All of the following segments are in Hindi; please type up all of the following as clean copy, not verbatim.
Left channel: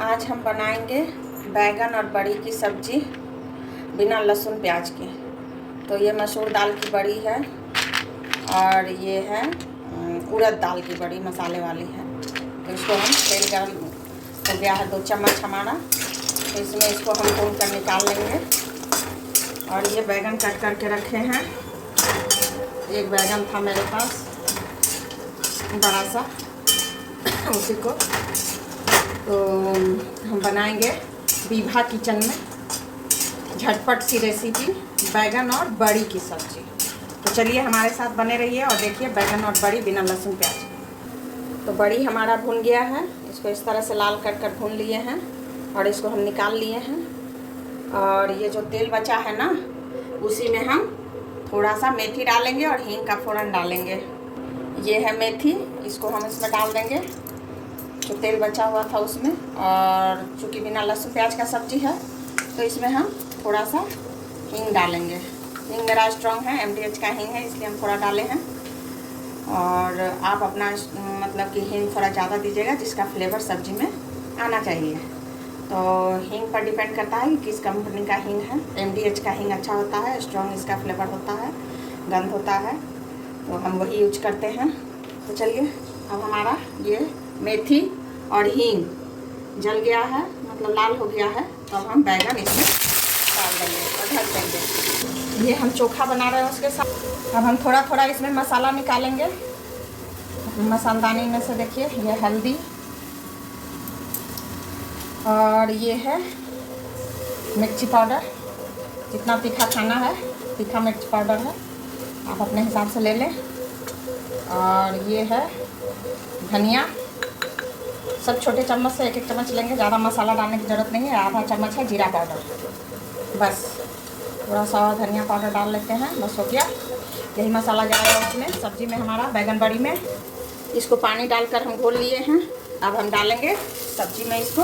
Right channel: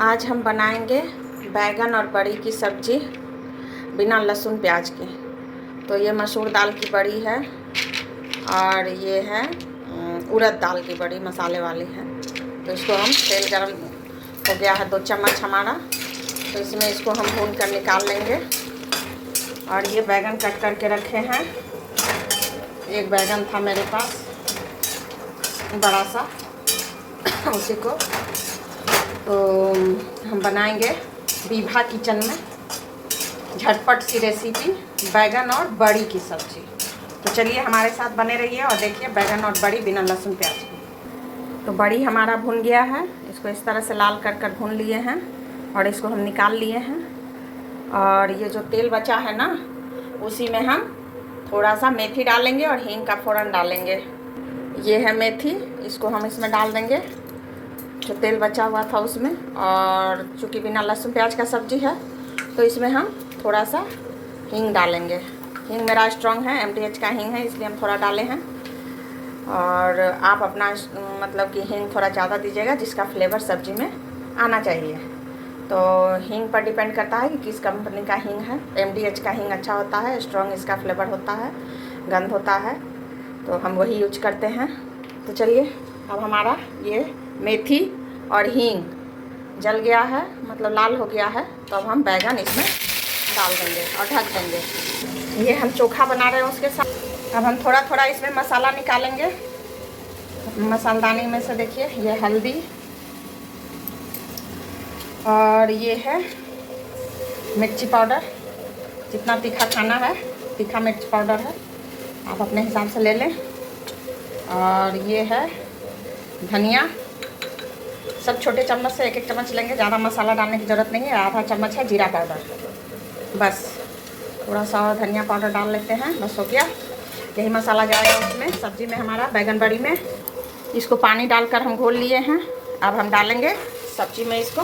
आज हम बनाएंगे बैगन और बड़ी की सब्जी बिना लहसुन प्याज के। तो ये मसूर दाल की बड़ी है और ये है उड़द दाल की बड़ी मसाले वाली है। तो इसको हम तेल गरम हो गया है 2 चम्मच हमारा, तो इसमें इसको हम भून कर निकाल लेंगे। और ये बैगन कट करके रखे हैं। एक बैगन था मेरे पास बड़ा सा, उसी को तो हम बनाएंगे विभा किचन में झटपट सी रेसिपी बैगन और बड़ी की सब्जी। तो चलिए हमारे साथ बने रहिए और देखिए बैगन और बड़ी बिना लहसुन प्याज की। तो बड़ी हमारा भून गया है, इसको इस तरह से लाल कर भून लिए हैं और इसको हम निकाल लिए हैं। और ये जो तेल बचा है ना, उसी में हम थोड़ा सा मेथी डालेंगे और हींग का फोड़न डालेंगे। ये है मेथी, इसको हम इसमें डाल देंगे जो तेल बचा हुआ था उसमें। और चूँकि बिना लहसुन प्याज का सब्जी है तो इसमें हम थोड़ा सा हींग डालेंगे। हींग मेरा स्ट्रॉन्ग है, MDH का हींग है, इसलिए हम थोड़ा डाले हैं। और आप अपना मतलब कि हींग थोड़ा ज़्यादा दीजिएगा जिसका फ्लेवर सब्जी में आना चाहिए। तो हींग पर डिपेंड करता है कि किस कंपनी का हींग है। MDH का हींग अच्छा होता है, स्ट्रॉन्ग इसका फ्लेवर होता है, गंध होता है, तो हम वही यूज करते हैं। तो चलिए अब हमारा ये मेथी और हींग जल गया है, मतलब लाल हो गया है। तो अब हम बैगन इसमें डाल देंगे और ढक देंगे। ये हम चोखा बना रहे हैं उसके साथ। अब हम थोड़ा थोड़ा इसमें मसाला निकालेंगे मसालदानी में से। देखिए ये हल्दी और ये है मिर्ची पाउडर, जितना तीखा खाना है तीखा मिर्च पाउडर है, आप अपने हिसाब से ले लें। और ये है धनिया, सब छोटे चम्मच से 1-1 चम्मच लेंगे, ज़्यादा मसाला डालने की ज़रूरत नहीं है। आधा चम्मच है जीरा पाउडर, बस थोड़ा सा और धनिया पाउडर डाल लेते हैं, बस हो गया। यही मसाला जाएगा उसमें सब्ज़ी में हमारा बैगन बड़ी में। इसको पानी डालकर हम घोल लिए हैं, अब हम डालेंगे सब्ज़ी में इसको।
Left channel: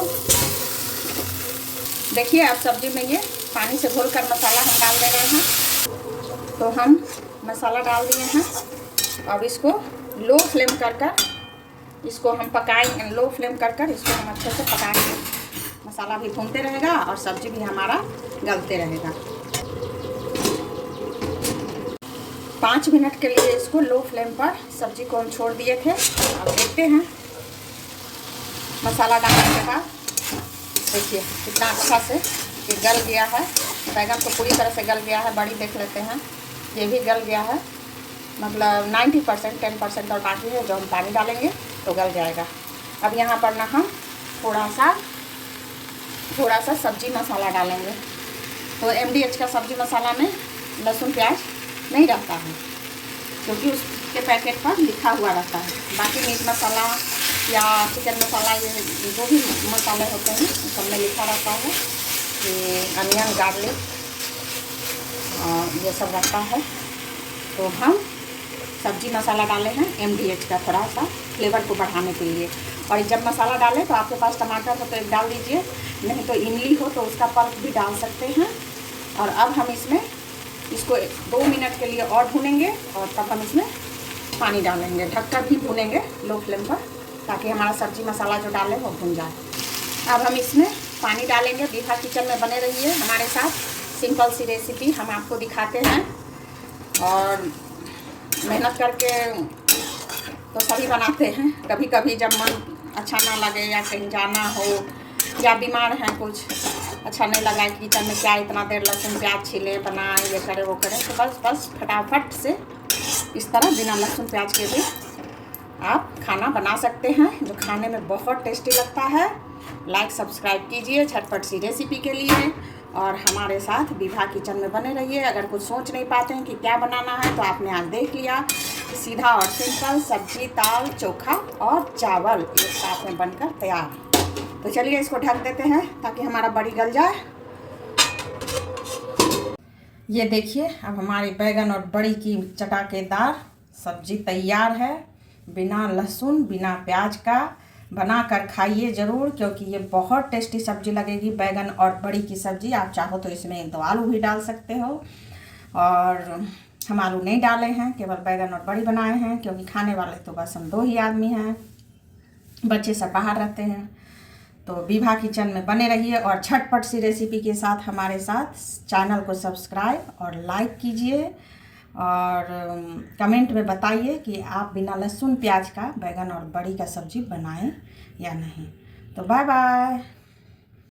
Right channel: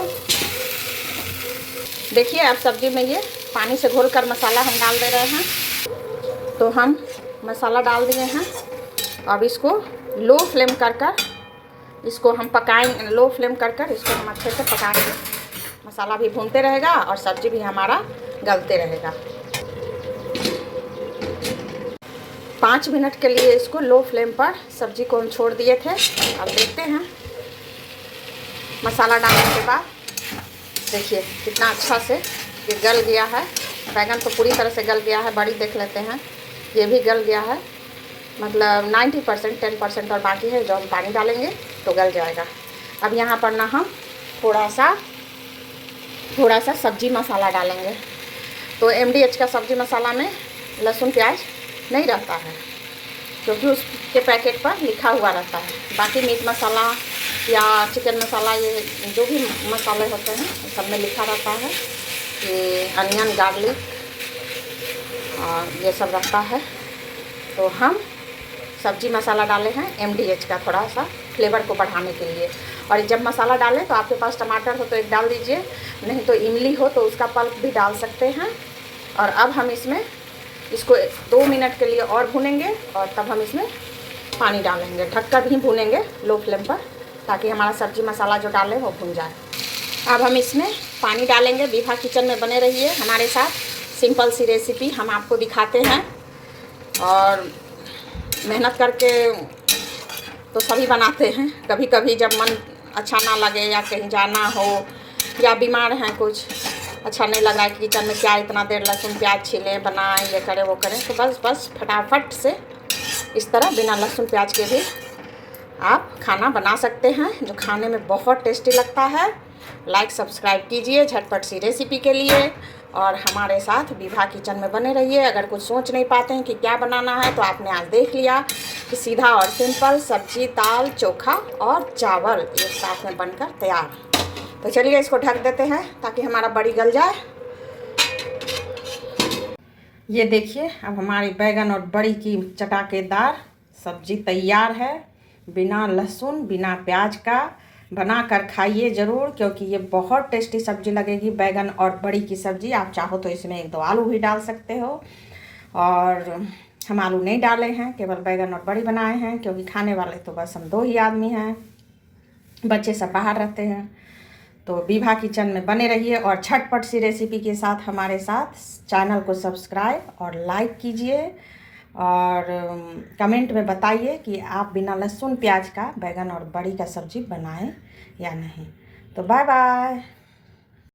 देखिए अब सब्ज़ी में ये पानी से घोल कर मसाला हम डाल दे रहे हैं। तो हम मसाला डाल दिए हैं। अब इसको लो फ्लेम कर इसको हम पकाएंगे, लो फ्लेम कर इसको हम अच्छे से पकाएंगे। मसाला भी भूनते रहेगा और सब्ज़ी भी हमारा गलते रहेगा। 5 मिनट के लिए इसको लो फ्लेम पर सब्ज़ी को हम छोड़ दिए थे। अब देखते हैं मसाला डालने के बाद देखिए कितना अच्छा से ये गल गया है। बैगन तो पूरी तरह से गल गया है। बड़ी देख लेते हैं, ये भी गल गया है, मतलब 90%, 10% और बाकी है जो हम पानी डालेंगे तो गल जाएगा। अब यहाँ पर ना हम थोड़ा सा सब्जी मसाला डालेंगे। तो MDH का सब्जी मसाला में लहसुन प्याज नहीं रहता है, क्योंकि उसके पैकेट पर लिखा हुआ रहता है। बाकी मीट मसाला या चिकन मसाला, ये जो भी मसाले होते हैं सब में लिखा रहता है। ये अनियन, गार्लिक और ये सब रहता है। तो हम सब्जी मसाला डाले हैं MDH का, थोड़ा सा फ्लेवर को बढ़ाने के लिए। और जब मसाला डालें तो आपके पास टमाटर हो तो एक डाल दीजिए, नहीं तो इमली हो तो उसका पल्प भी डाल सकते हैं। और अब हम इसमें इसको 2 मिनट के लिए और भूनेंगे और तब हम इसमें पानी डालेंगे। ढककर भी भूनेंगे लो फ्लेम पर, ताकि हमारा सब्जी मसाला जो डालें वो भून जाए। अब हम इसमें पानी डालेंगे। विभा किचन में बने रहिए हमारे साथ, सिंपल सी रेसिपी हम आपको दिखाते हैं। और मेहनत करके तो सभी बनाते हैं, कभी कभी जब मन अच्छा ना लगे या कहीं जाना हो या बीमार हैं, कुछ अच्छा नहीं लगा कि किचन में क्या इतना देर लहसुन प्याज छीले बनाएं, ये करें वो करें, तो बस फटाफट से इस तरह बिना लहसुन प्याज के भी आप खाना बना सकते हैं, जो खाने में बहुत टेस्टी लगता है। लाइक सब्सक्राइब कीजिए झटपट सी रेसिपी के लिए और हमारे साथ विभा किचन में बने रहिए। अगर कुछ सोच नहीं पाते हैं कि क्या बनाना है तो आपने आज देख लिया कि सीधा और सिंपल सब्जी, दाल, चोखा और चावल एक साथ में बनकर तैयार। तो चलिए इसको ढक देते हैं ताकि हमारा बड़ी गल जाए। ये देखिए अब हमारी बैगन और बड़ी की चटाकेदार सब्जी तैयार है, बिना लहसुन बिना प्याज का। बना कर खाइए ज़रूर, क्योंकि ये बहुत टेस्टी सब्जी लगेगी। बैगन और बड़ी की सब्ज़ी, आप चाहो तो इसमें 1-2 आलू भी डाल सकते हो, और हम आलू नहीं डाले हैं, केवल बैगन और बड़ी बनाए हैं, क्योंकि खाने वाले तो बस हम 2 ही आदमी हैं, बच्चे सब बाहर रहते हैं। तो विभा किचन में बने रहिए और झटपट सी रेसिपी के साथ हमारे साथ चैनल को सब्सक्राइब और लाइक कीजिए और कमेंट में बताइए कि आप बिना लहसुन प्याज का बैगन और बड़ी का सब्जी बनाएं या नहीं। तो बाय बाय।